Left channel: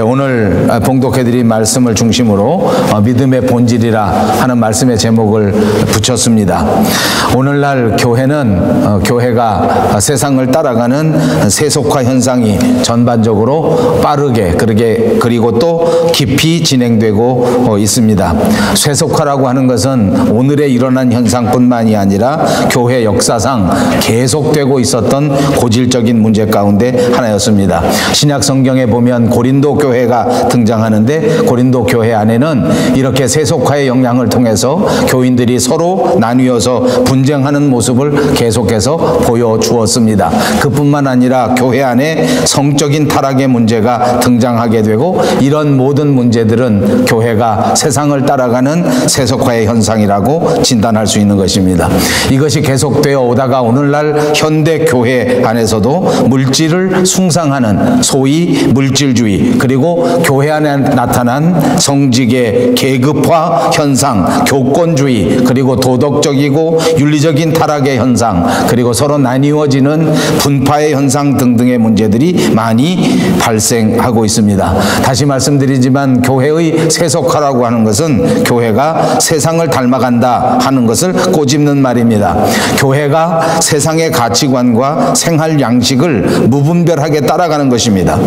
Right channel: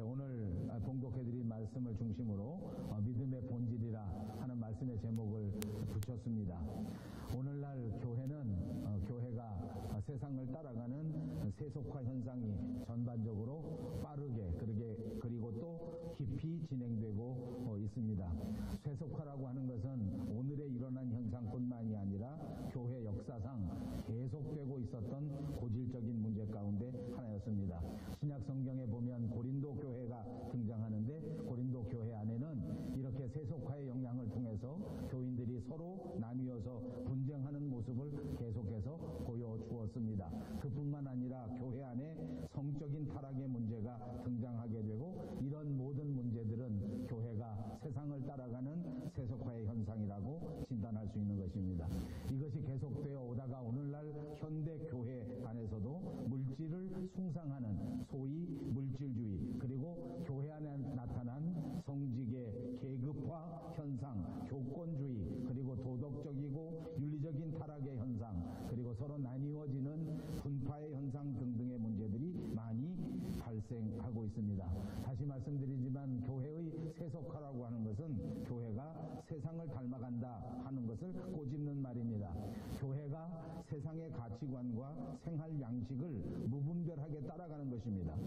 오늘 봉독해드린 말씀을 중심으로 믿음의 본질이라 하는 말씀의 제목을 붙였습니다. 오늘날 교회가 세상을 따라가는 세속화 현상이 전반적으로 빠르게 그리고 또 깊이 진행되고 있습니다. 세속화라고 하는 것은 오늘에 일어난 현상뿐만이 아니라 교회 역사상 계속되고 있었던 고질적인 문제 가운데 하나였습니다. 신약 성경에 보면 고린도 교회가 등장하는데 고린도 교회 안에는 이렇게 세속화의 영향을 통해서 교인들이 서로 나뉘어서 분쟁하는 모습을 계속해서 보여주었습니다. 그뿐만 아니라 교회 안에 성적인 타락의 문제가 등장하게 되고 이런 모든 문제들은 교회가 세상을 따라가는 세속화의 현상이라고 진단할 수 있는 것입니다. 이것이 계속되어 오다가 오늘날 현대 교회 안에서도 물질을 숭상하는 소위 물질주의, 그리고 교회 안에 나타난 성직의 계급화 현상, 교권주의, 그리고 도덕적이고 윤리적인 타락의 현상, 그리고 서로 나뉘어지는 분파의 현상 등등의 문제들이 많이 발생하고 있습니다. 다시 말씀드리지만 교회의 세속화라고 하는 것은 교회가 세상을 닮아간다 하는 것을 꼬집는 말입니다. 교회가 세상의 가치관과 생활 양식을 무분별하게 따라가는 것입니다.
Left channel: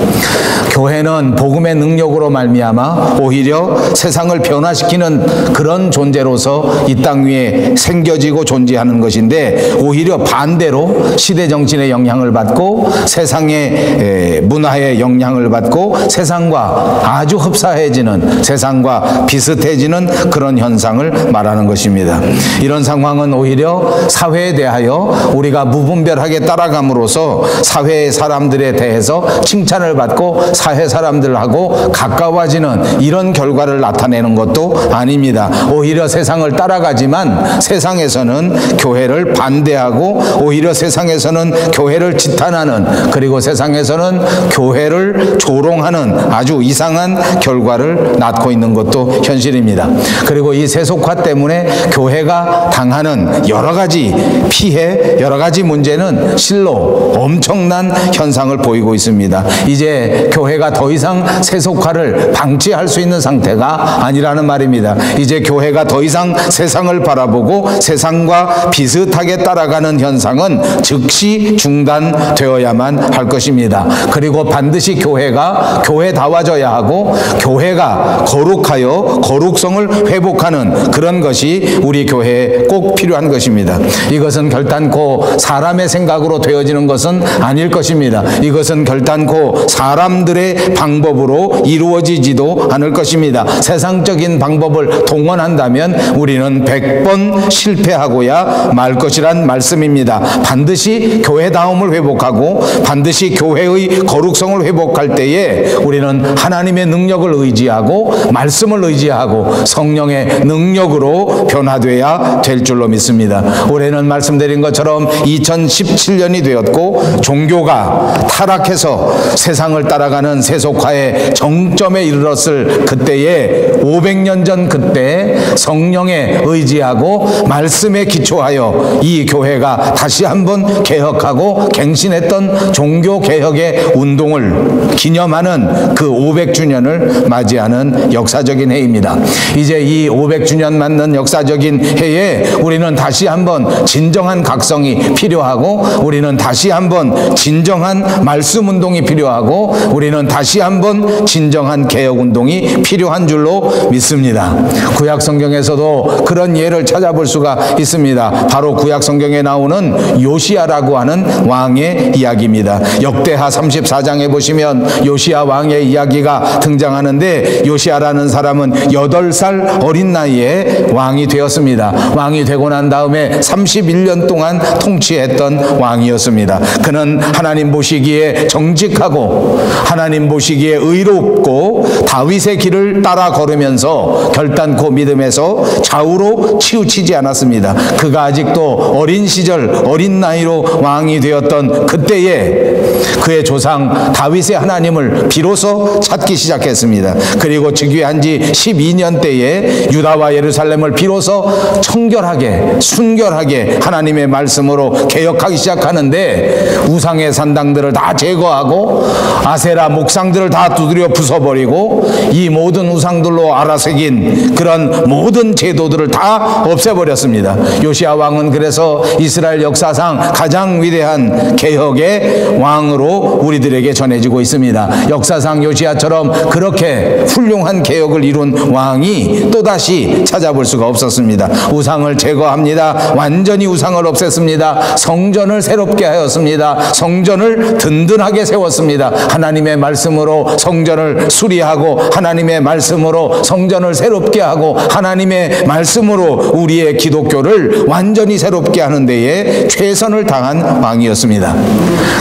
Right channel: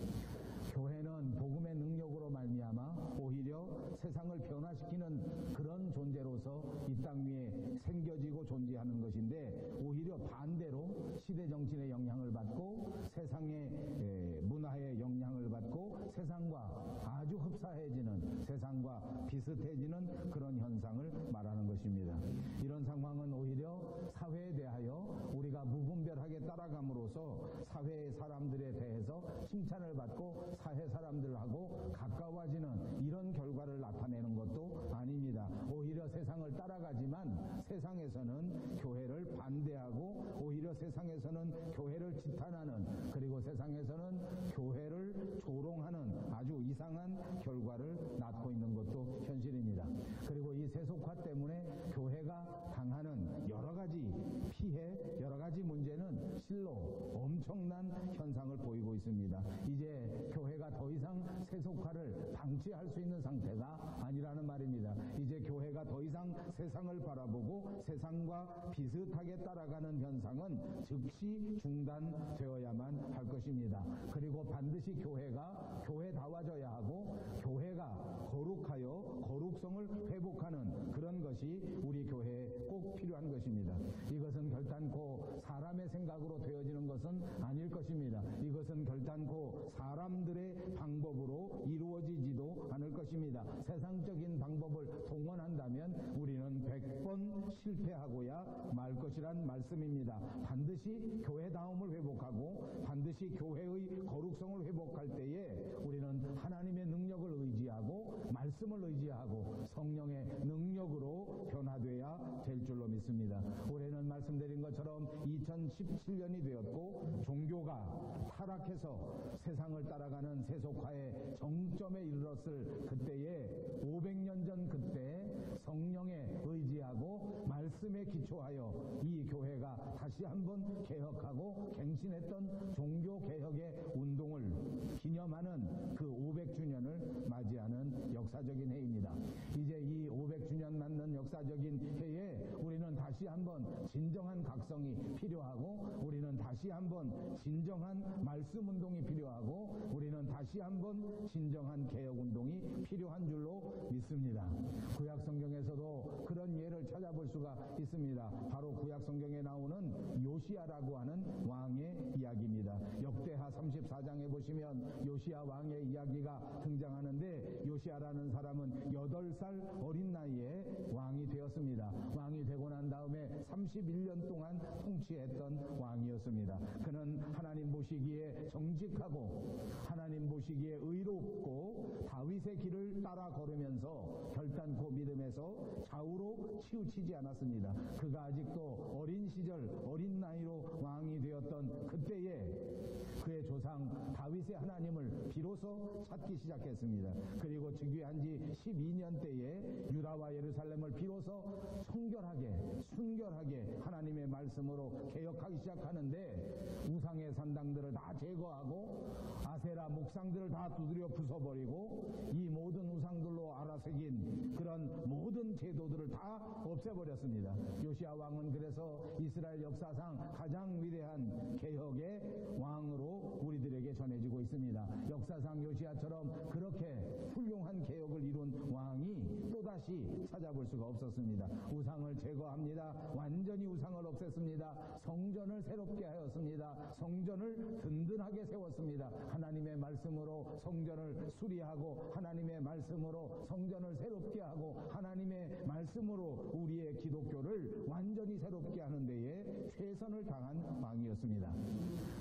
교회는 복음의 능력으로 말미암아 오히려 세상을 변화시키는 그런 존재로서 이 땅 위에 생겨지고 존재하는 것인데, 오히려 반대로 시대 정신의 영향을 받고 세상의 문화의 영향을 받고 세상과 아주 흡사해지는, 세상과 비슷해지는 그런 현상을 말하는 것입니다. 이런 상황은 오히려 사회에 대하여 우리가 무분별하게 따라감으로써 사회의 사람들에 대해서 칭찬을 받고 사회 사람들하고 가까워지는 이런 결과를 나타내는 것도 아닙니다. 오히려 세상을 따라가지만 세상에서는 교회를 반대하고, 오히려 세상에서는 교회를 지탄하는, 그리고 세상에서는 교회를 조롱하는 아주 이상한 결과를 낳고 있는 것도 현실입니다. 그리고 이 세속화 때문에 교회가 당하는 여러 가지 피해, 여러 가지 문제는 실로 엄청난 현상을 보이고 있습니다. 이제 교회가 더 이상 세속화를 방치할 수 있는 상태가 아니라는 말입니다. 이제 교회가 더 이상 세상을 바라보고 세상과 비슷하게 따라가는 현상은 즉시 중단되어야만 할 것입니다. 그리고 반드시 교회가 교회다워져야 하고, 교회가 거룩하여 거룩성을 회복하는 그런 것이 우리 교회에 꼭 필요한 것입니다. 이것은 결단코 사람의 생각으로 되어지는 것은 아닐 것입니다. 이것은 결단코 사람들의 방법으로 이루어지지도 않을 것입니다. 세상적인 방법을 동원한다면 우리는 100번 실패하고야 말 것이란 말씀입니다. 반드시 교회다움을 회복하고 반드시 교회의 거룩성을 회복할 때에 우리는 하나님의 능력을 의지하고 말씀을 의지하고 성령의 능력으로 변화되어야 될 줄로 믿습니다. 올해는 말씀드린 것처럼 2017년이 되었고, 종교가 타락해서 세상을 따라가는 세속화의 정점에 이르렀을 그때에 500년 전 그때 성령에 의지하고 말씀에 기초하여 이 교회가 다시 한번 개혁하고 갱신했던 종교개혁의 운동을 기념하는 그 500주년을 맞이하는 역사적인 해입니다. 이제 이 500주년 맞는 역사적인 해에 우리는 다시 한번 진정한 각성이 필요하고, 우리는 다시 한번 진정한 말씀 운동이 필요하고, 우리는 다시 한번 진정한 개혁 운동이 필요한 줄로 믿습니다. 구약 성경에서도 그런 예를 찾아볼 수가 있습니다. 바로 구약 성경에 나오는 요시야라고 하는 왕의 이야기입니다. 역대하 34장에 보시면 요시야 왕의 이야기가 등장하는데, 요시야라는 사람은 8살 어린 나이에 왕이 되었습니다. 왕이 되고 난 다음에 31년 동안 통치했던 왕이었습니다. 그는 하나님 보시기에 정직하고 하나님 보시기에 의롭고 다윗의 길을 따라 걸으면서 결단코 믿음에서 좌우로 치우치지 않았습니다. 그가 아직도 어린 시절, 어린 나이로 왕이 되었던 그때에 그의 조상 다윗의 하나님을 비로소 찾기 시작했습니다. 그리고 즉위한 지 12년 때에 유다와 예루살렘을 비로소 청결하게 순결하게 하나님의 말씀으로 개혁하기 시작하는데 우상의 산당들을 다 제거하고 아세라 목상들을 다 두드려 부숴버리고 이 모든 우상들로 알아새긴 그런 모든 제도들을 다 없애버렸습니다. 요시야 왕은 그래서 이스라엘 역사상 가장 위대한 개혁의 왕으로 우리들에게 전해지고 있습니다. 역사상 요시야처럼 그렇게 훌륭한 개혁을 이룬 왕이 또다시 찾아볼 수가 없었습니다. 우상을 제거합니다. 완전히 우상을 없앴습니다. 성전을 새롭게 하였습니다. 성전을 든든하게 세웠습니다. 하나님의 말씀으로 성전을 수리하고 하나님의 말씀으로 성전을 새롭게 하고 하나님의 말씀으로 우리의 기독교를 완전히 새롭게 하는 데에 최선을 다한 왕이었습니다.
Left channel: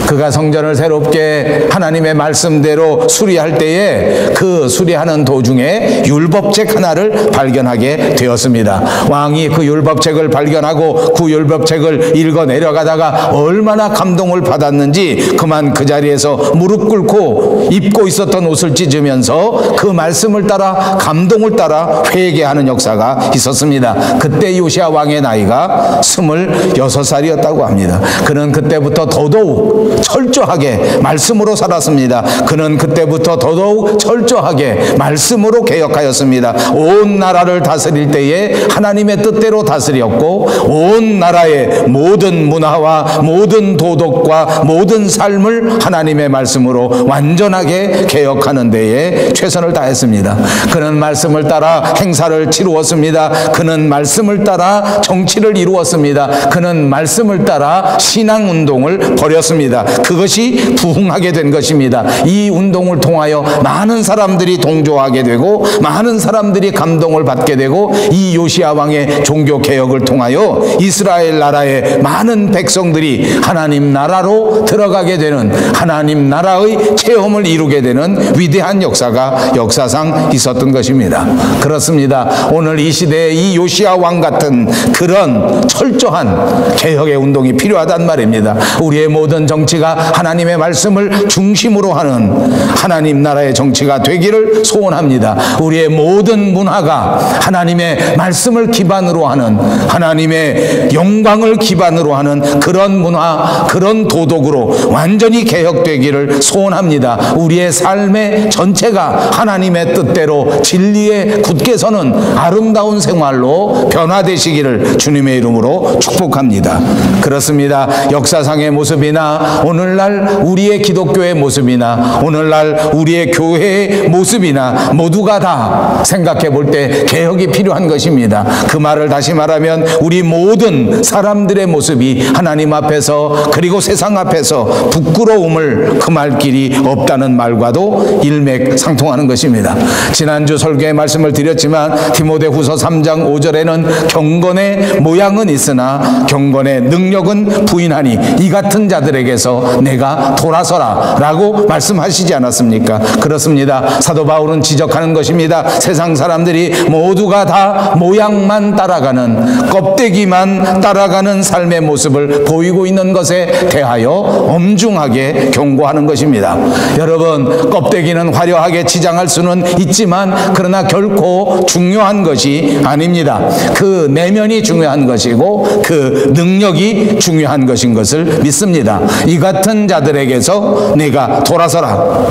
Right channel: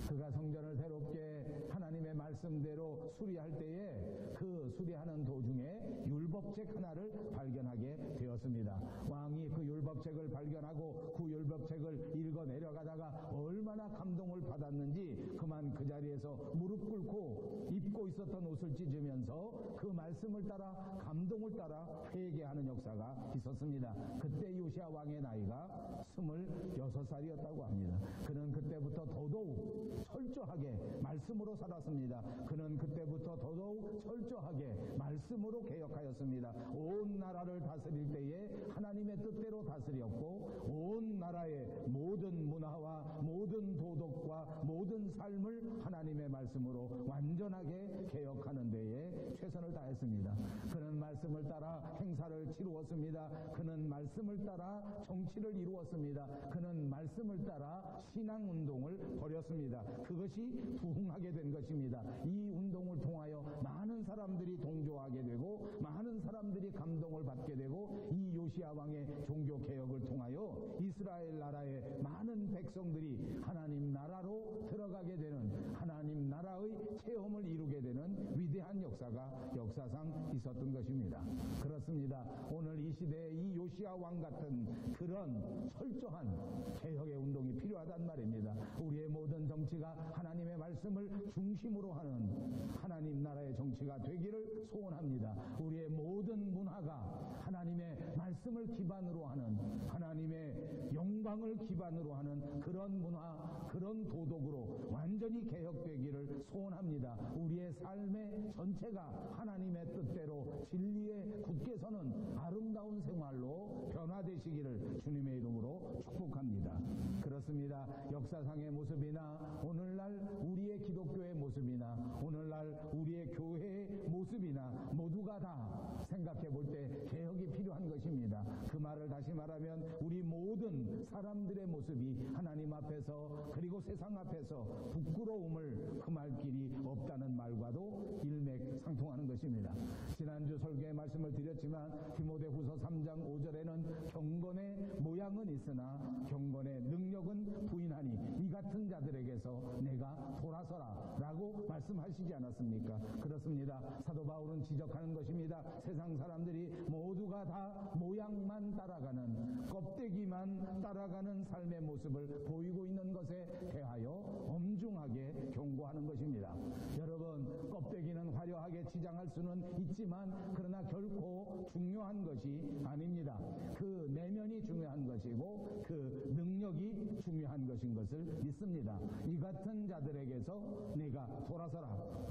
그가 성전을 새롭게 하나님의 말씀대로 수리할 때에 그 수리하는 도중에 율법책 하나를 발견하게 되었습니다. 왕이 그 율법책을 발견하고 그 율법책을 읽어 내려가다가 얼마나 감동을 받았는지 그만 그 자리에서 무릎 꿇고 입고 있었던 옷을 찢으면서 그 말씀을 따라 감동을 따라 회개하는 역사가 있었습니다. 그때 요시야 왕의 나이가 26살이었다고 합니다. 그는 그때부터 더더욱 철저하게 말씀으로 살았습니다. 그는 그때부터 더더욱 철저하게 말씀으로 개혁하였습니다. 온 나라를 다스릴 때에 하나님의 뜻대로 다스렸고 온 나라의 모든 문화와 모든 도덕과 모든 삶을 하나님의 말씀으로 완전하게 개혁하는 데에 최선을 다했습니다. 그는 말씀을 따라 행사를 치루었습니다. 그는 말씀을 따라 정치를 이루었습니다. 그는 말씀을 따라 신앙운동을 벌였습니다. 그것이 부흥하게 된 것입니다. 이 운동을 통하여 많은 사람들이 동조하게 되고 많은 사람들이 감동을 받게 되고 이 요시야 왕의 종교개혁을 통하여 이스라엘 나라의 많은 백성들이 하나님 나라로 들어가게 되는 하나님 나라의 체험을 이루게 되는 위대한 역사가 역사상 있었던 것입니다. 그렇습니다. 오늘 이 시대에 이 요시야 왕 같은 그런 철저한 개혁의 운동이 필요하단 말입니다. 우리의 모든 정치가 하나님의 말씀을 중심으로 하는 하나님 나라의 정치가 되기를 소원합니다. 우리의 모든 문화가 하나님의 말씀을 기반으로 하는 하나님의 영광을 기반으로 하는 그런 문화, 그런 도덕으로 완전히 개혁되기를 소원합니다. 우리의 삶의 전체가 하나님의 뜻대로 진리에 굳게 서는 아름다운 생활로 변화되시기를 주님의 이름으로 축복합니다. 그렇습니다. 역사상의 모습이나 오늘날 우리의 기독교의 모습이나 오늘날 우리의 교회의 모습이나 모두가 다 생각해 볼 때 개혁이 필요한 것입니다. 그 말을 다시 말하면 우리 모든 사람들의 모습이 하나님 앞에서 그리고 세상 앞에서 부끄러움을 금할 길이 없다는 말과도 일맥상통하는 것입니다. 지난주 설교에 말씀을 드렸지만 디모데후서 3장 5절에는 경건의 모양은 있으나 경건의 능력은 부인하니 이 같은 자들에게서 내가 돌아서라 라고 말씀하시지 않았습니까? 그렇습니다. 사도 바울은 지적하는 것입니다. 세상 사람들이 모두가 다 모양만 따라가는 껍데기만 따라가는 삶의 모습을 보이고 있는 것에 대하여 엄중하게 경고하는 것입니다. 여러분, 껍데기는 화려하게 치장할 수는 있지만 그러나 결코 중요한 것이 아닙니다. 그 내면이 중요한 것이고 그 능력이 중요한 것인 것을 믿습니다. 이 같은 자들에게서 내가 돌아서라.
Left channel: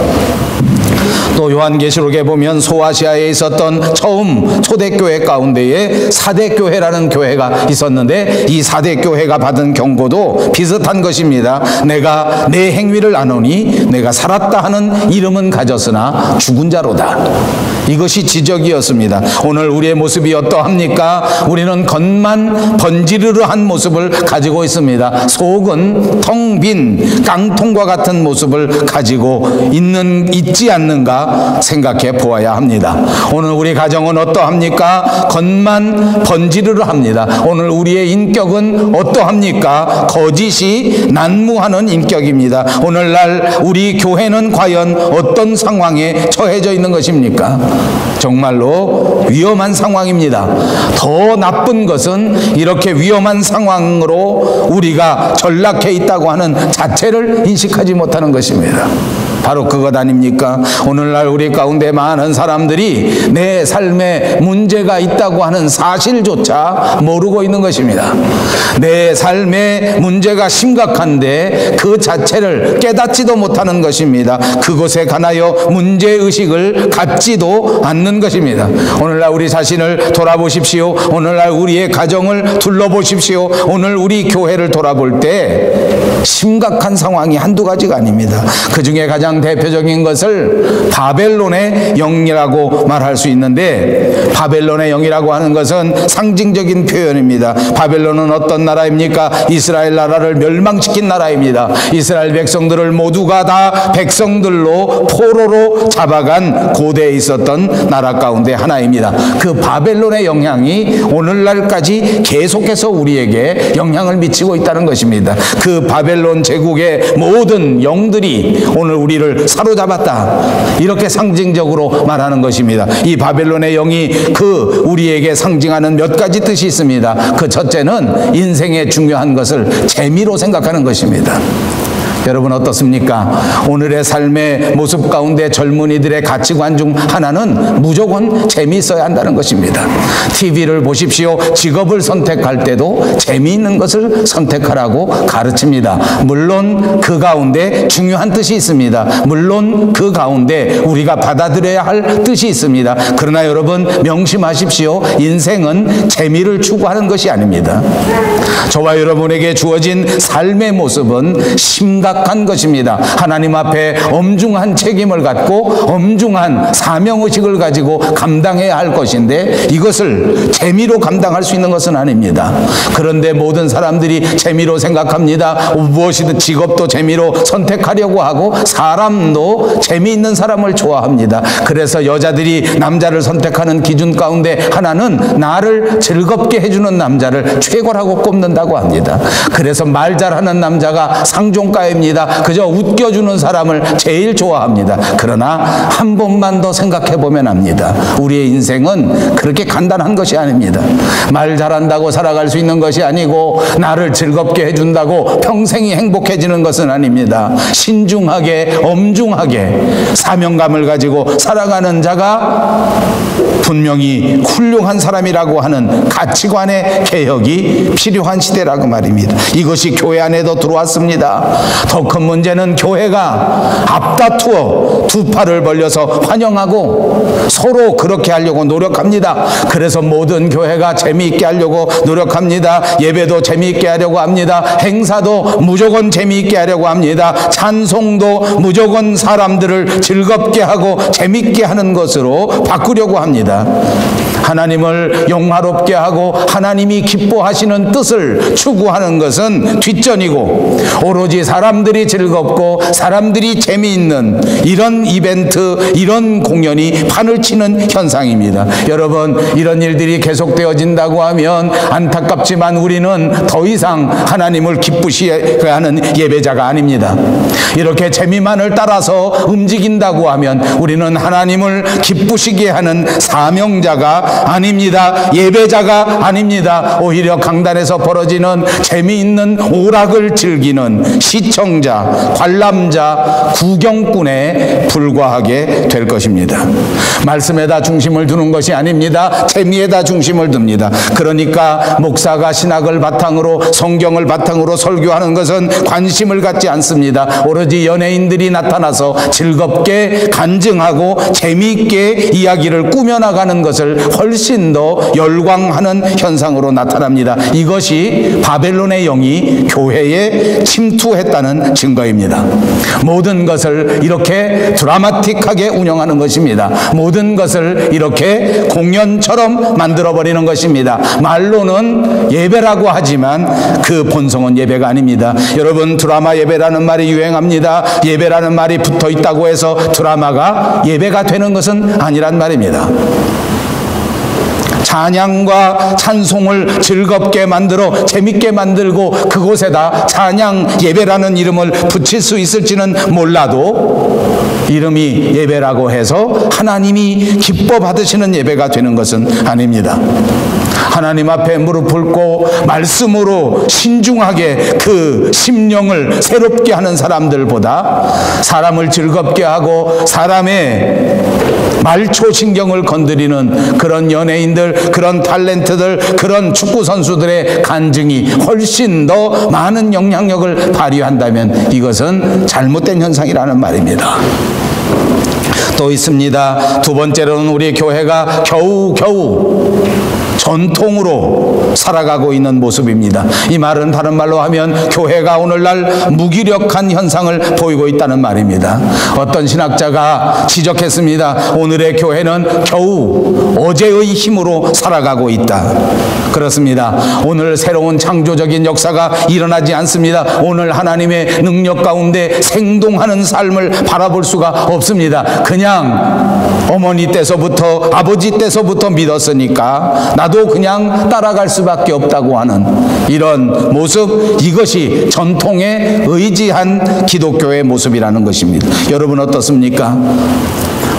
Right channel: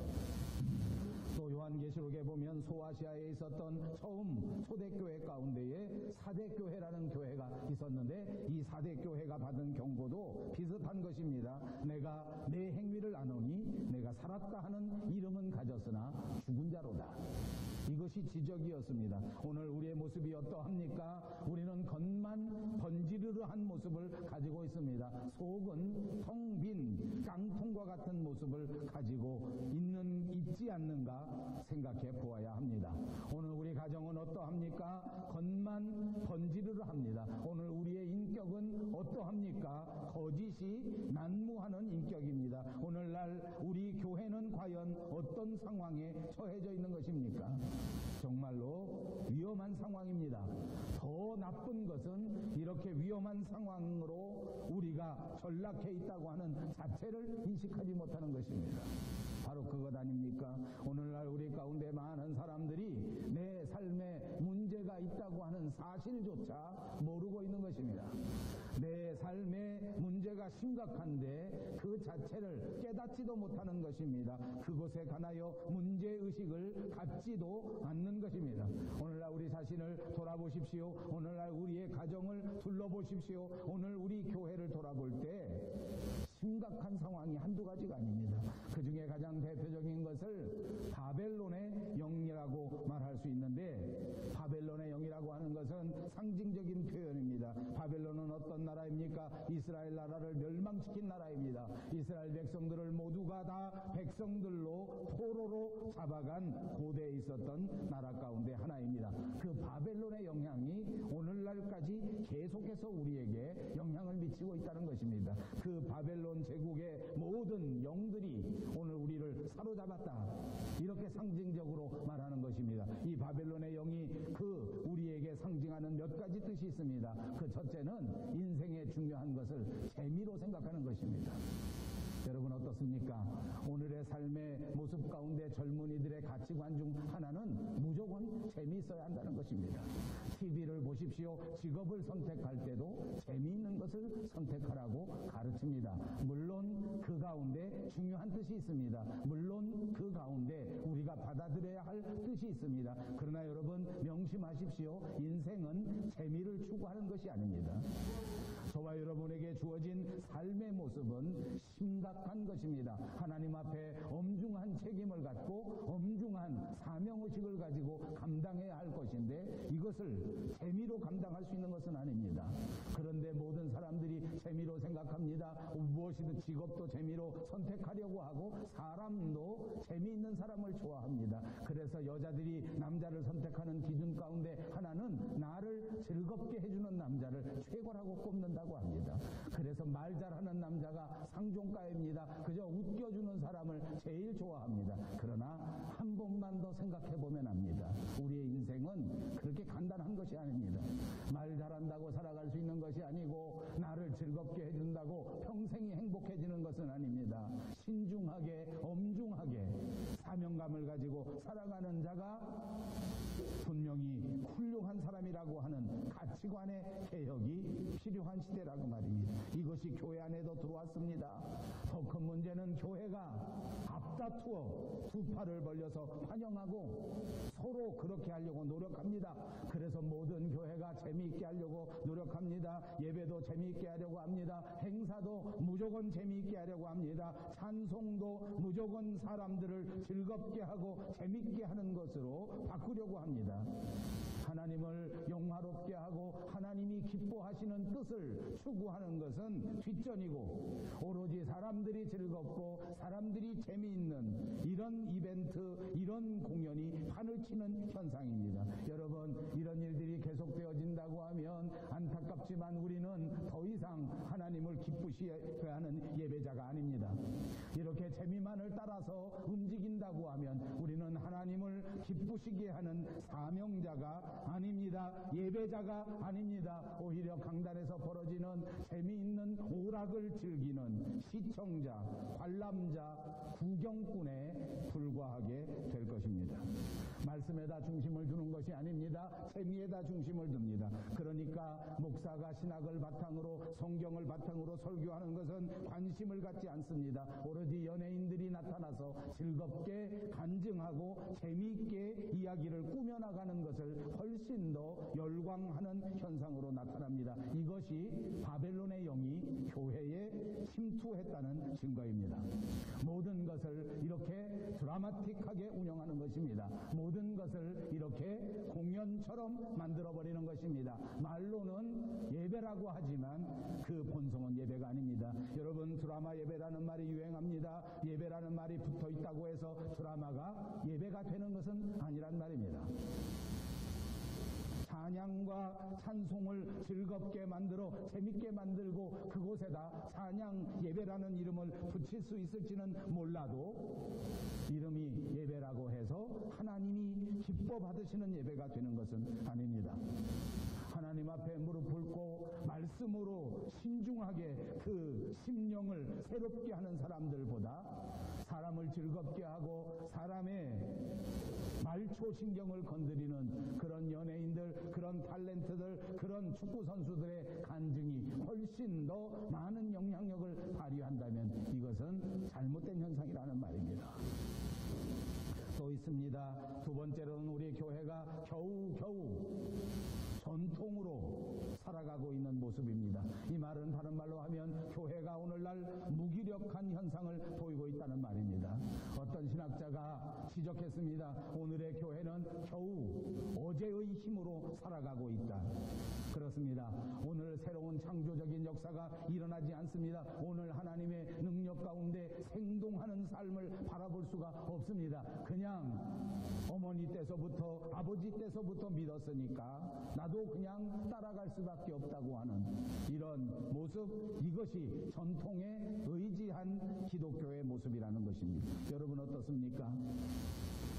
또 요한계시록에 보면 소아시아에 있었던 처음 초대교회 가운데에 사대교회라는 교회가 있었는데 이 사대교회가 받은 경고도 비슷한 것입니다. 내가 내 행위를 아노니 내가 살았다 하는 이름은 가졌으나 죽은 자로다. 이것이 지적이었습니다. 오늘 우리의 모습이 어떠합니까? 우리는 겉만 번지르르한 모습을 가지고 있습니다. 속은 텅 빈 깡통과 같은 모습을 가지고 있지 않는가 우리가 생각해 보아야 합니다. 오늘 우리 가정은 어떠합니까? 겉만 번지르르 합니다. 오늘 우리의 인격은 어떠합니까? 거짓이 난무하는 인격입니다. 오늘날 우리 교회는 과연 어떤 상황에 처해져 있는 것입니까? 정말로 위험한 상황입니다. 더 나쁜 것은 이렇게 위험한 상황으로 우리가 전락해 있다고 하는 자체를 인식하지 못하는 것입니다. 바로 그것 아닙니까? 오늘날 우리 가운데 많은 사람들이 내 삶에 문제가 있다고 하는 사실조차 모르고 있는 것입니다. 내 삶에 문제가 심각한데 그 자체를 깨닫지도 못하는 것입니다. 그것에 관하여 문제의식을 갖지도 않는 것입니다. 오늘날 우리 자신을 돌아보십시오. 오늘날 우리의 가정을 둘러보십시오. 오늘 우리 교회를 돌아볼 때 심각한 상황이 한두 가지가 아닙니다. 그 중에 가장 대표적인 것을 바벨론의 영이라고 말할 수 있는데, 바벨론의 영이라고 하는 것은 상징적인 표현입니다. 바벨론은 어떤 나라입니까? 이스라엘 나라를 멸망시킨 나라입니다. 이스라엘 백성들을 모두가 다 백성들로 포로로 잡아간 고대에 있었던 나라 가운데 하나입니다. 그 바벨론의 영향이 오늘날까지 계속해서 우리에게 영향을 미치고 있다는 것입니다. 그 바벨론 제국의 모든 영들이 오늘 우리를 사로잡았다, 이렇게 상징적으로 말하는 것입니다. 이 바벨론의 영이 그 우리에게 상징하는 몇 가지 뜻이 있습니다. 그 첫째는 인생의 중요한 것을 재미로 생각하는 것입니다. 여러분 어떻습니까? 오늘의 삶의 모습 가운데 젊은이들의 가치관 중 하나는 무조건 재미있어야 한다는 것입니다. TV를 보십시오. 직업을 선택할 때도 재미있는 것을 선택하라고 가르칩니다. 물론 그 가운데 중요한 뜻이 있습니다. 물론 그 가운데 우리가 받아들여야 할 뜻이 있습니다. 그러나 여러분 명심하십시오. 인생은 재미를 추구하는 것이 아닙니다. 저와 여러분에게 주어진 삶의 모습은 심각한 것입니다. 하나님 앞에 엄중한 책임을 갖고 엄중한 사명의식을 가지고 감당해야 할 것인데, 이것을 재미로 감당할 수 있는 것은 아닙니다. 그런데 모든 사람들이 재미로 생각합니다. 무엇이든 직업도 재미로 선택하려고 하고 사람도 재미있는 사람을 좋아합니다. 그래서 여자들이 남자를 선택하는 기준 가운데 하나는 나를 즐겁게 해주는 남자를 최고라고 꼽는다고 합니다. 그래서 말 잘하는 남자가 상종가입니다. 그저 웃겨주는 사람을 제일 좋아합니다. 그러나 한 번만 더 생각해 보면 압니다. 우리의 인생은 그렇게 간단한 것이 아닙니다. 말 잘한다고 살아갈 수 있는 것이 아니고, 나를 즐겁게 해준다고 평생이 행복해지는 것은 아닙니다. 신중하게 엄중하게 사명감을 가지고 살아가는 자가 분명히 훌륭한 사람이라고 하는 가치관의 개혁이 필요한 시대라고 말입니다. 이것이 교회 안에도 들어왔습니다. 더 큰 문제는 교회가 앞다투어 두 팔을 벌려서 환영하고 서로 그렇게 하려고 노력합니다. 그래서 모든 교회가 재미있게 하려고 노력합니다. 예배도 재미있게 하려고 합니다. 행사도 무조건 재미있게 하려고 합니다. 찬송도 무조건 사람들을 즐겁게 하고 재미있게 하는 것으로 바꾸려고 합니다. 하나님을 영화롭게 하고 하나님이 기뻐하시는 뜻을 추구하는 것은 뒷전이고, 오로지 사람들이 즐겁고 사람들이 재미있는 이런 이벤트, 이런 공연이 판을 치는 현상입니다. 여러분, 이런 일들이 계속되어진다고 하면 안타깝지만 우리는 더 이상 하나님을 기쁘시게 하는 예배자가 아닙니다. 이렇게 재미만을 따라서 움직인다고 하면 우리는 하나님을 기쁘시게 하는 사명자가 아닙니다. 예배자가 아닙니다. 오히려 강단에서 벌어지는 재미있는 오락을 즐기는 시청자, 관람자, 구경꾼에 불과하게 될 것입니다. 말씀에다 중심을 두는 것이 아닙니다. 재미에다 중심을 둡니다. 그러니까 목사가 신학을 바탕으로, 성경을 바탕으로 설교하는 것은 관심을 갖지 않습니다. 오로지 연예인들이 나타나서 즐겁게 간증하고 재미있게 이야기를 꾸며나가는 것을 훨씬 더 열광하는 현상으로 나타납니다. 이것이 바벨론의 영이 교회에 침투했다는 증거입니다. 모든 것을 이렇게 드라마틱하게 운영하는 것입니다. 모든 것을 이렇게 공연처럼 만들어버리는 것입니다. 말로는 예배라고 하지만 그 본성은 예배가 아닙니다. 여러분, 드라마 예배라는 말이 유행합니다. 예배라는 말이 붙어 있다고 해서 드라마가 예배가 되는 것은 아니란 말입니다. 찬양과 찬송을 즐겁게 만들어 재밌게 만들고 그곳에다 찬양 예배라는 이름을 붙일 수 있을지는 몰라도 이름이 예배라고 해서 하나님이 기뻐 받으시는 예배가 되는 것은 아닙니다. 하나님 앞에 무릎 꿇고 말씀으로 신중하게 그 심령을 새롭게 하는 사람들보다 사람을 즐겁게 하고 사람의 말초신경을 건드리는 그런 연예인들, 그런 탤런트들, 그런 축구선수들의 간증이 훨씬 더 많은 영향력을 발휘한다면 이것은 잘못된 현상이라는 말입니다. 또 있습니다. 두 번째로는 우리 교회가 겨우겨우 전통으로 살아가고 있는 모습입니다. 이 말은 다른 말로 하면 교회가 오늘날 무기력한 현상을 보이고 있다는 말입니다. 어떤 신학자가 지적했습니다. 오늘의 교회는 겨우 어제의 힘으로 살아가고 있다. 그렇습니다. 오늘 새로운 창조적인 역사가 일어나지 않습니다. 오늘 하나님의 능력 가운데 생동하는 삶을 바라볼 수가 없습니다. 그냥 어머니 때서부터 아버지 때서부터 믿었으니까 나도 그냥 따라갈 수밖에 없다고 하는 이런 모습, 이것이 전통에 의지한 기독교의 모습이라는 것입니다. 여러분 어떻습니까?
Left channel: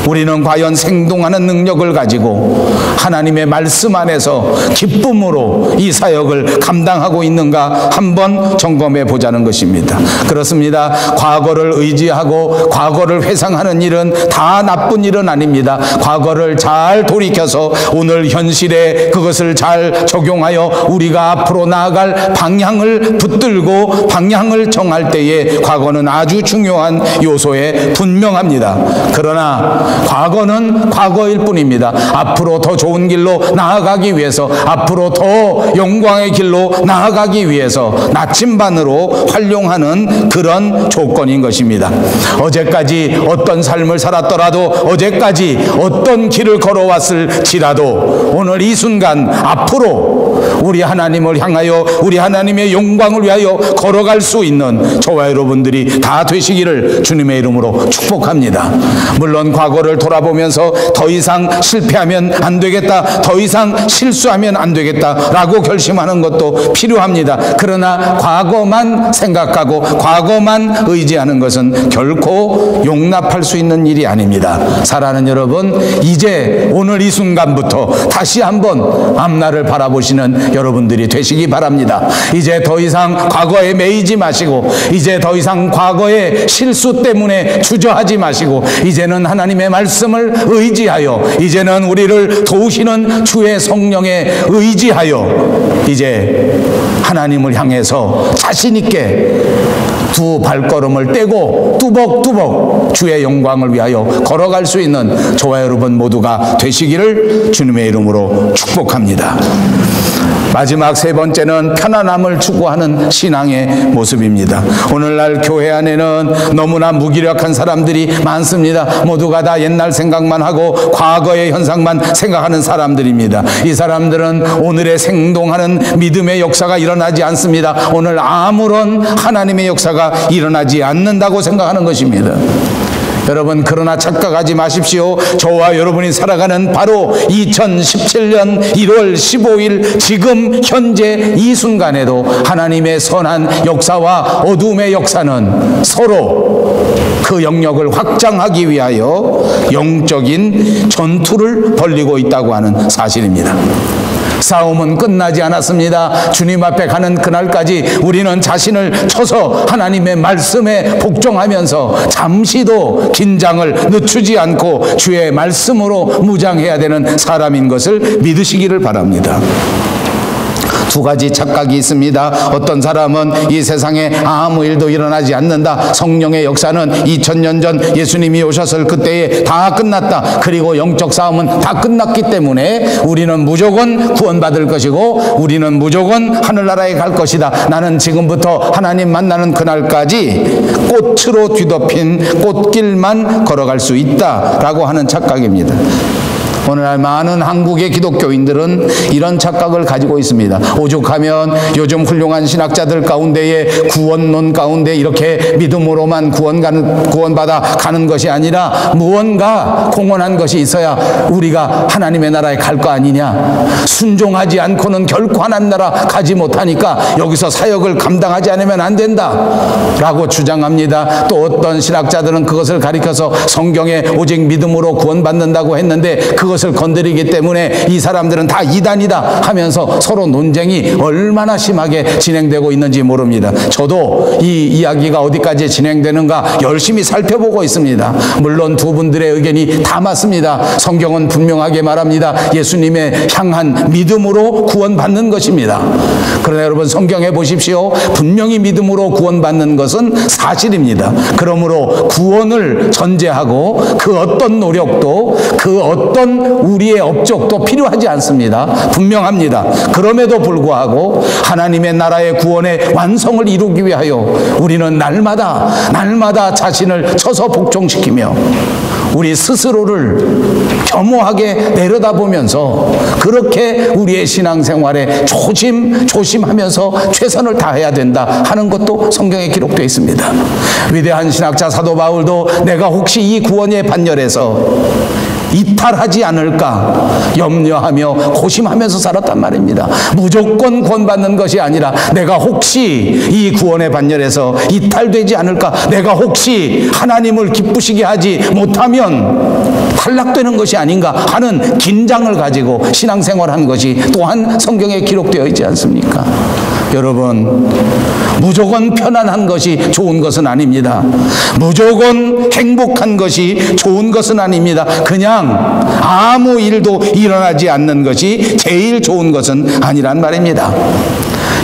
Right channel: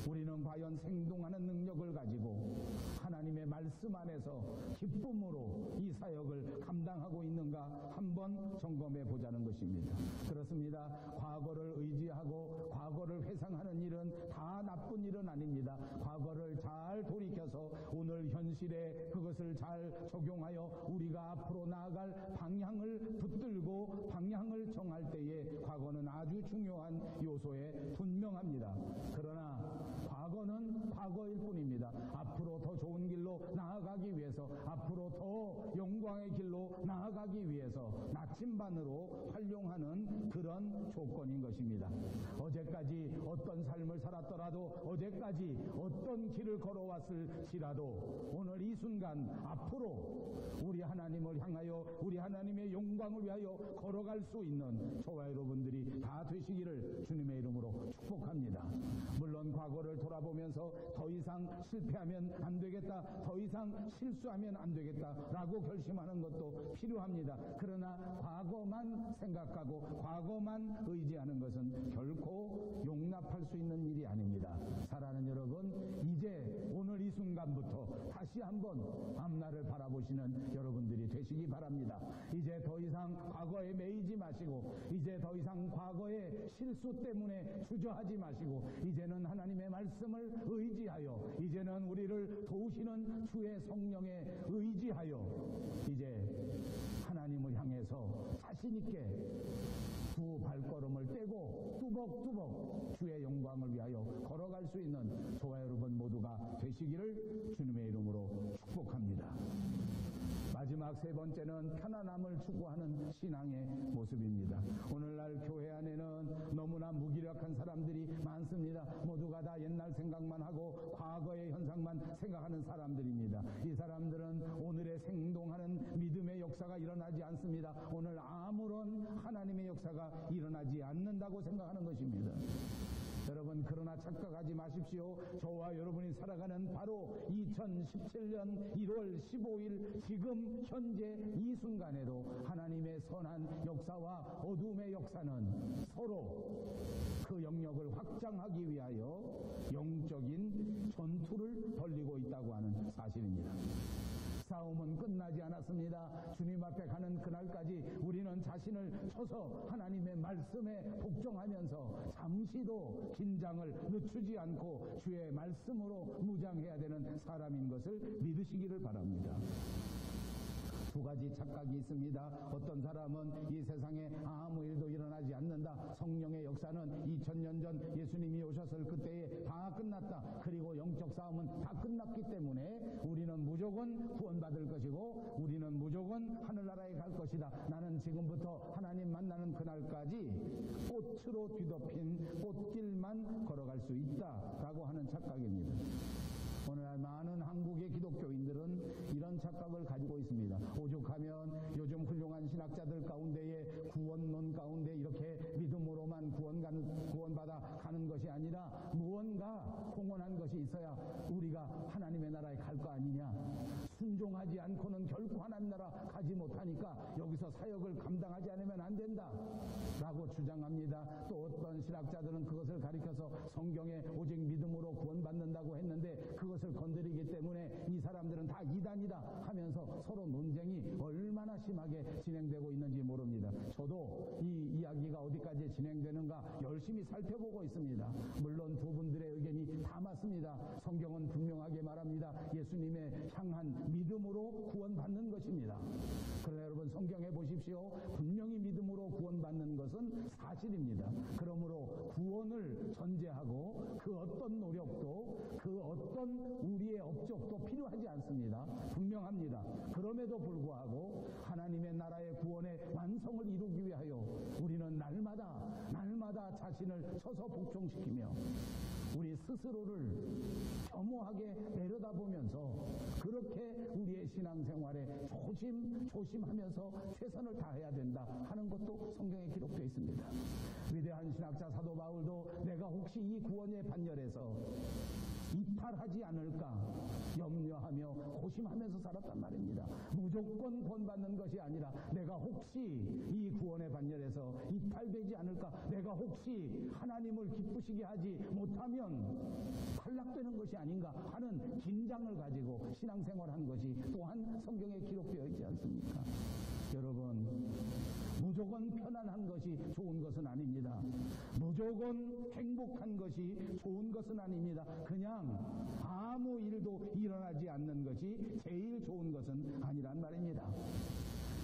우리는 과연 생동하는 능력을 가지고 하나님의 말씀 안에서 기쁨으로 이 사역을 감당하고 있는가 한번 점검해 보자는 것입니다. 그렇습니다. 과거를 의지하고 과거를 회상하는 일은 다 나쁜 일은 아닙니다. 과거를 잘 돌이켜서 오늘 현실에 그것을 잘 적용하여 우리가 앞으로 나아갈 방향을 붙들고 방향을 정할 때에 과거는 아주 중요한 요소에 분명합니다. 그러나 과거는 과거일 뿐입니다. 앞으로 더 좋은 길로 나아가기 위해서, 앞으로 더 영광의 길로 나아가기 위해서 나침반으로 활용하는 그런 조건인 것입니다. 어제까지 어떤 삶을 살았더라도, 어제까지 어떤 길을 걸어왔을지라도 오늘 이 순간 앞으로 우리 하나님을 향하여, 우리 하나님의 영광을 위하여 걸어갈 수 있는 저와 여러분들이 다 되시기를 주님의 이름으로 축복합니다. 물론 과거를 돌아보면서 더 이상 실패하면 안 되겠다, 더 이상 실수하면 안 되겠다 라고 결심하는 것도 필요합니다. 그러나 과거만 생각하고 과거만 의지하는 것은 결코 용납할 수 있는 일이 아닙니다. 사랑하는 여러분, 이제 오늘 이 순간부터 다시 한번 앞날을 바라보시는 여러분들이 되시기 바랍니다. 이제 더 이상 과거에 매이지 마시고, 이제 더 이상 과거의 실수 때문에 주저하지 마시고, 이제는 하나님의 말씀을 의지하여, 이제는 우리를 도우시는 주의 성령에 의지하여 이제 하나님을 향해서 자신 있게 두 발걸음을 떼고 뚜벅뚜벅 주의 영광을 위하여 걸어갈 수 있는 저와 여러분 모두가 되시기를 주님의 이름으로 축복합니다. 마지막 세 번째는 편안함을 추구하는 신앙의 모습입니다. 오늘날 교회 안에는 너무나 무기력한 사람들이 많습니다. 모두가 다 옛날 생각만 하고 과거의 현상만 생각하는 사람들입니다. 이 사람들은 오늘의 생동하는 믿음의 역사가 일어나지 않습니다. 오늘 아무런 하나님의 역사가 일어나지 않는다고 생각하는 것입니다. 여러분, 그러나 착각하지 마십시오. 저와 여러분이 살아가는 바로 2017년 1월 15일 지금 현재 이 순간에도 하나님의 선한 역사와 어둠의 역사는 서로 그 영역을 확장하기 위하여 영적인 전투를 벌이고 있다고 하는 사실입니다. 싸움은 끝나지 않았습니다. 주님 앞에 가는 그날까지 우리는 자신을 쳐서 하나님의 말씀에 복종하면서 잠시도 긴장을 늦추지 않고 주의 말씀으로 무장해야 되는 사람인 것을 믿으시기를 바랍니다. 두 가지 착각이 있습니다. 어떤 사람은 이 세상에 아무 일도 일어나지 않는다. 성령의 역사는 2000년 전 예수님이 오셨을 그때에 다 끝났다. 그리고 영적 싸움은 다 끝났기 때문에 우리는 무조건 구원받을 것이고 우리는 무조건 하늘나라에 갈 것이다. 나는 지금부터 하나님 만나는 그날까지 꽃으로 뒤덮인 꽃길만 걸어갈 수 있다라고 하는 착각입니다. 오늘날 많은 한국의 기독교인들은 이런 착각을 가지고 있습니다. 오죽하면 요즘 훌륭한 신학자들 가운데에 구원론 가운데 이렇게 믿음으로만 구원받아 가는 것이 아니라 무언가 공헌한 것이 있어야 우리가 하나님의 나라에 갈 거 아니냐. 순종하지 않고는 결코 하나님 나라 가지 못하니까 여기서 사역을 감당하지 않으면 안 된다 라고 주장합니다. 또 어떤 신학자들은 그것을 가리켜서 성경에 오직 믿음으로 구원받는다고 했는데 그것을 건드리기 때문에 이 사람들은 다 이단이다 하면서 서로 논쟁이 얼마나 심하게 진행되고 있는지 모릅니다. 저도 이 이야기가 어디까지 진행되는가 열심히 살펴보고 있습니다. 물론 두 분들의 의견이 다 맞습니다. 성경은 분명하게 말합니다. 예수님의 향한 믿음으로 구원받는 것입니다. 그러나 여러분 성경에 보십시오. 분명히 믿음으로 구원받는 것은 사실입니다. 그러므로 구원을 전제하고 그 어떤 노력도 그 어떤 우리의 업적도 필요하지 않습니다. 분명합니다. 그럼에도 불구하고 하나님의 나라의 구원의 완성을 이루기 위하여 우리는 날마다 자신을 쳐서 복종시키며 우리 스스로를 겸허하게 내려다보면서 그렇게 우리의 신앙생활에 조심하면서 최선을 다해야 된다 하는 것도 성경에 기록되어 있습니다. 위대한 신학자 사도 바울도 내가 혹시 이 구원의 반열에서 이탈하지 않을까 염려하며 고심하면서 살았단 말입니다. 무조건 구원받는 것이 아니라 내가 혹시 이 구원의 반열에서 이탈되지 않을까, 내가 혹시 하나님을 기쁘시게 하지 못하면 탈락되는 것이 아닌가 하는 긴장을 가지고 신앙생활한 것이 또한 성경에 기록되어 있지 않습니까? 여러분, 무조건 편안한 것이 좋은 것은 아닙니다. 무조건 행복한 것이 좋은 것은 아닙니다. 그냥 아무 일도 일어나지 않는 것이 제일 좋은 것은 아니란 말입니다.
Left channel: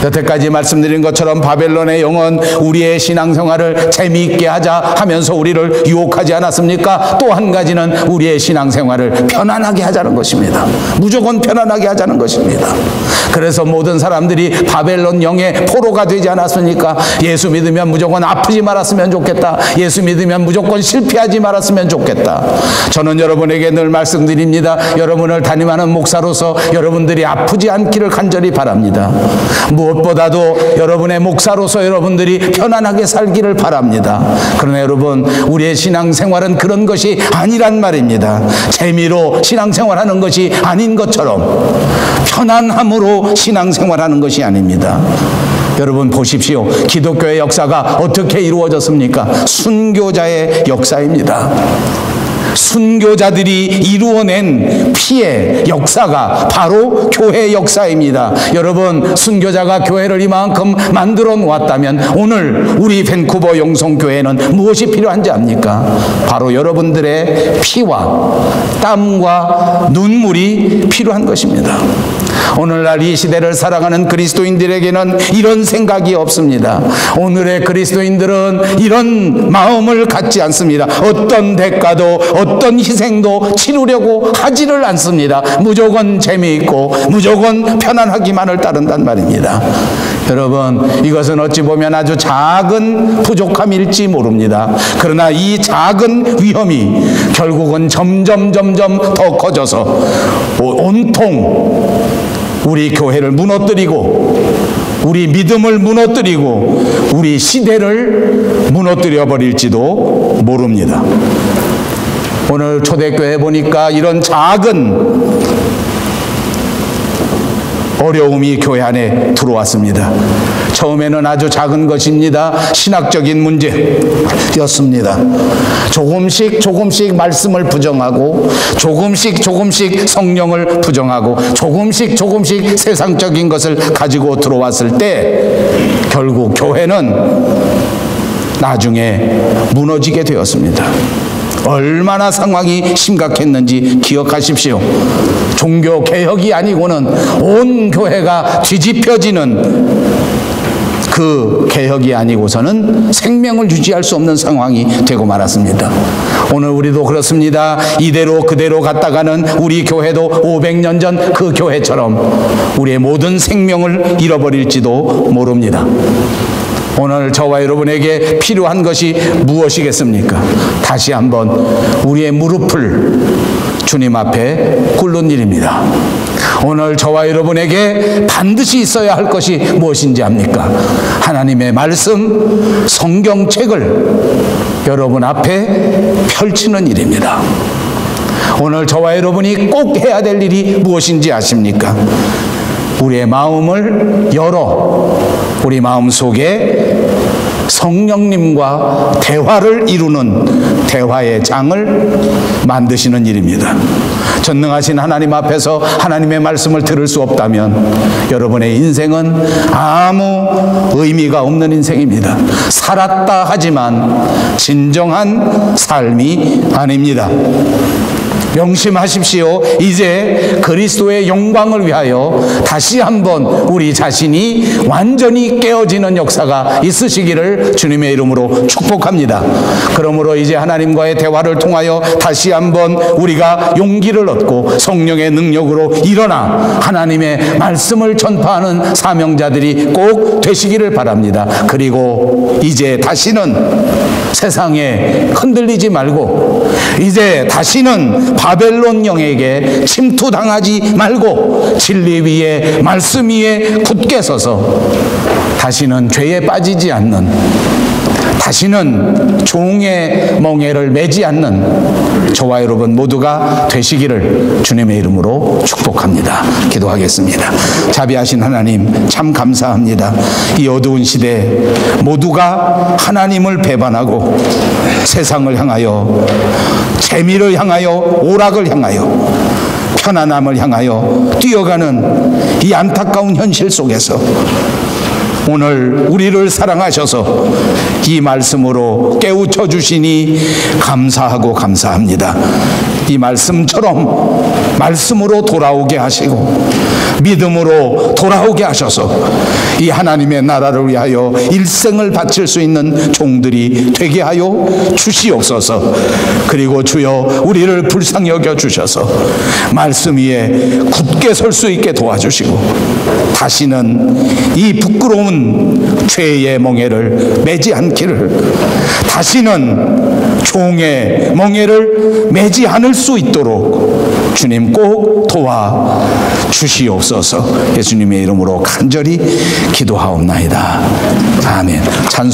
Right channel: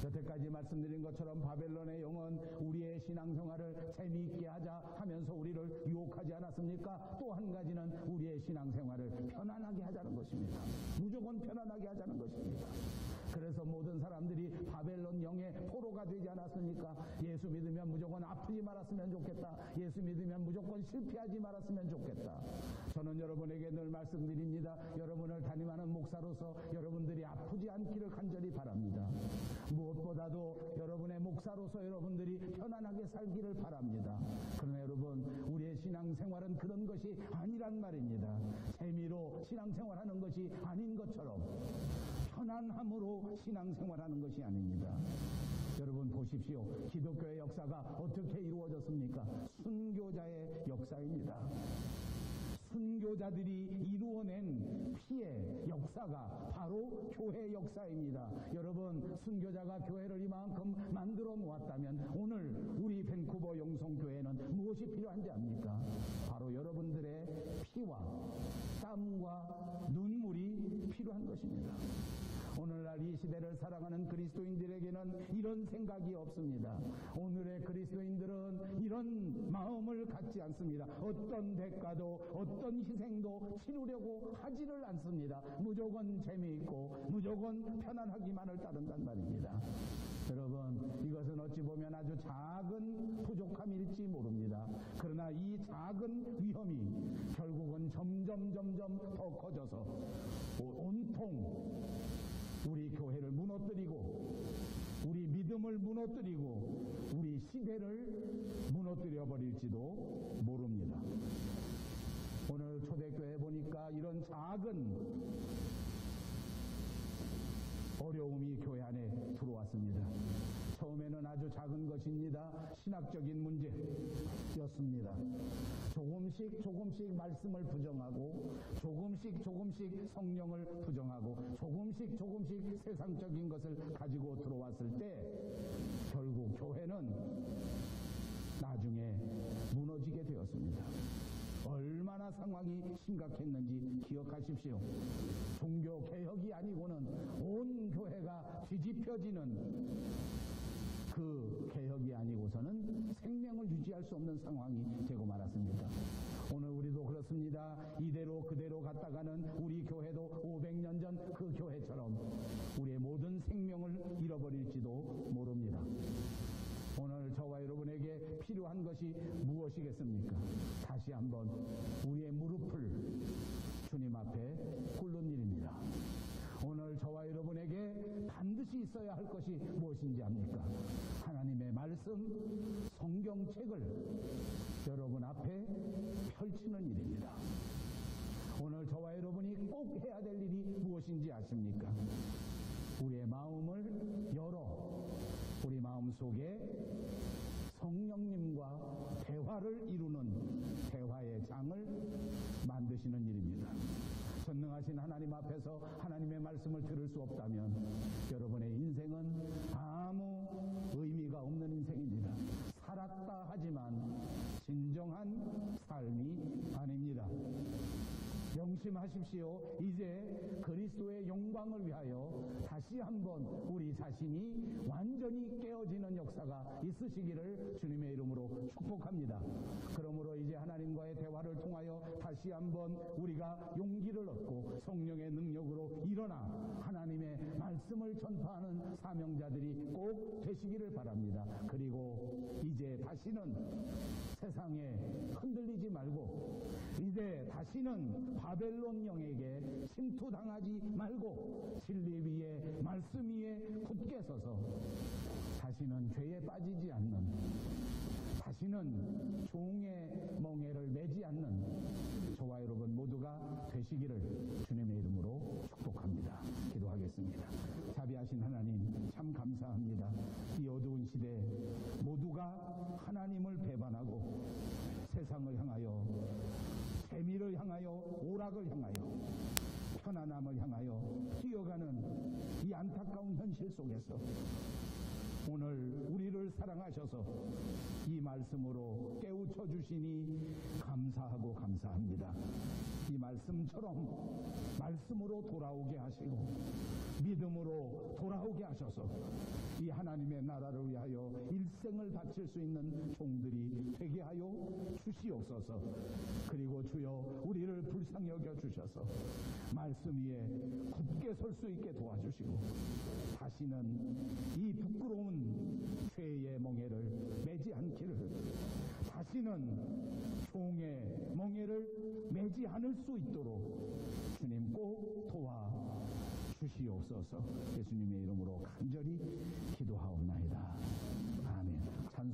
여태까지 말씀드린 것처럼 바벨론의 영은 우리의 신앙생활을 재미있게 하자 하면서 우리를 유혹하지 않았습니까? 또 한 가지는 우리의 신앙생활을 편안하게 하자는 것입니다. 무조건 편안하게 하자는 것입니다. 그래서 모든 사람들이 바벨론 영의 포로가 되지 않았습니까? 예수 믿으면 무조건 아프지 말았으면 좋겠다. 예수 믿으면 무조건 실패하지 말았으면 좋겠다. 저는 여러분에게 늘 말씀드립니다. 여러분을 담임하는 목사로서 여러분들이 아프지 않기를 간절히 바랍니다. 무엇보다도 여러분의 목사로서 여러분들이 편안하게 살기를 바랍니다. 그러나 여러분, 우리의 신앙생활은 그런 것이 아니란 말입니다. 재미로 신앙생활하는 것이 아닌 것처럼 편안함으로 신앙생활하는 것이 아닙니다. 여러분 보십시오. 기독교의 역사가 어떻게 이루어졌습니까? 순교자의 역사입니다. 순교자들이 이루어낸 피의 역사가 바로 교회 역사입니다. 여러분, 순교자가 교회를 이만큼 만들어 놓았다면 오늘 우리 밴쿠버 영성교회는 무엇이 필요한지 압니까? 바로 여러분들의 피와 땀과 눈물이 필요한 것입니다. 오늘날 이 시대를 살아가는 그리스도인들에게는 이런 생각이 없습니다. 오늘의 그리스도인들은 이런 마음을 갖지 않습니다. 어떤 대가도 어떤 희생도 치르려고 하지를 않습니다. 무조건 재미있고 무조건 편안하기만을 따른단 말입니다. 여러분, 이것은 어찌 보면 아주 작은 부족함일지 모릅니다. 그러나 이 작은 위험이 결국은 점점 더 커져서 온통 우리 교회를 무너뜨리고 우리 믿음을 무너뜨리고 우리 시대를 무너뜨려 버릴지도 모릅니다. 오늘 초대교회 보니까 이런 작은 어려움이 교회 안에 들어왔습니다. 처음에는 아주 작은 것입니다. 신학적인 문제였습니다. 조금씩 말씀을 부정하고 조금씩 성령을 부정하고 조금씩 세상적인 것을 가지고 들어왔을 때 결국 교회는 나중에 무너지게 되었습니다. 얼마나 상황이 심각했는지 기억하십시오. 종교 개혁이 아니고는 온 교회가 뒤집혀지는 그 개혁이 아니고서는 생명을 유지할 수 없는 상황이 되고 말았습니다. 오늘 우리도 그렇습니다. 이대로 그대로 갔다가는 우리 교회도 500년 전 그 교회처럼 우리의 모든 생명을 잃어버릴지도 모릅니다. 오늘 저와 여러분에게 필요한 것이 무엇이겠습니까? 다시 한번 우리의 무릎을 주님 앞에 꿇는 일입니다. 오늘 저와 여러분에게 반드시 있어야 할 것이 무엇인지 압니까? 하나님의 말씀, 성경책을 여러분 앞에 펼치는 일입니다. 오늘 저와 여러분이 꼭 해야 될 일이 무엇인지 아십니까? 우리의 마음을 열어 우리 마음 속에 성령님과 대화를 이루는 대화의 장을 만드시는 일입니다. 전능하신 하나님 앞에서 하나님의 말씀을 들을 수 없다면 여러분의 인생은 아무 의미가 없는 인생입니다. 살았다 하지만 진정한 삶이 아닙니다. 명심하십시오. 이제 그리스도의 영광을 위하여 다시 한번 우리 자신이 완전히 깨어지는 역사가 있으시기를 주님의 이름으로 축복합니다. 그러므로 이제 하나님과의 대화를 통하여 다시 한번 우리가 용기를 얻고 성령의 능력으로 일어나 하나님의 말씀을 전파하는 사명자들이 꼭 되시기를 바랍니다. 그리고 이제 다시는 세상에 흔들리지 말고 이제 다시는 바벨론 영에게 침투당하지 말고 진리 위에 말씀 위에 굳게 서서 다시는 죄에 빠지지 않는, 다시는 종의 멍에를 매지 않는 저와 여러분 모두가 되시기를 주님의 이름으로 축복합니다. 기도하겠습니다. 자비하신 하나님, 참 감사합니다. 이 어두운 시대 모두가 하나님을 배반하고 세상을 향하여, 재미를 향하여, 오락을 향하여, 편안함을 향하여 뛰어가는 이 안타까운 현실 속에서 오늘 우리를 사랑하셔서 이 말씀으로 깨우쳐 주시니 감사하고 감사합니다. 이 말씀처럼 말씀으로 돌아오게 하시고 믿음으로 돌아오게 하셔서 이 하나님의 나라를 위하여 일생을 바칠 수 있는 종들이 되게 하여 주시옵소서. 그리고 주여 우리를 불쌍히 여겨 주셔서 말씀 위에 굳게 설 수 있게 도와주시고 다시는 이 부끄러운 죄의 멍에를 매지 않기를, 다시는 종의 멍에를 매지 않을 수 있도록 주님 꼭 도와 주시옵소서. 예수님의 이름으로 간절히 기도하옵나이다. 아멘. 찬송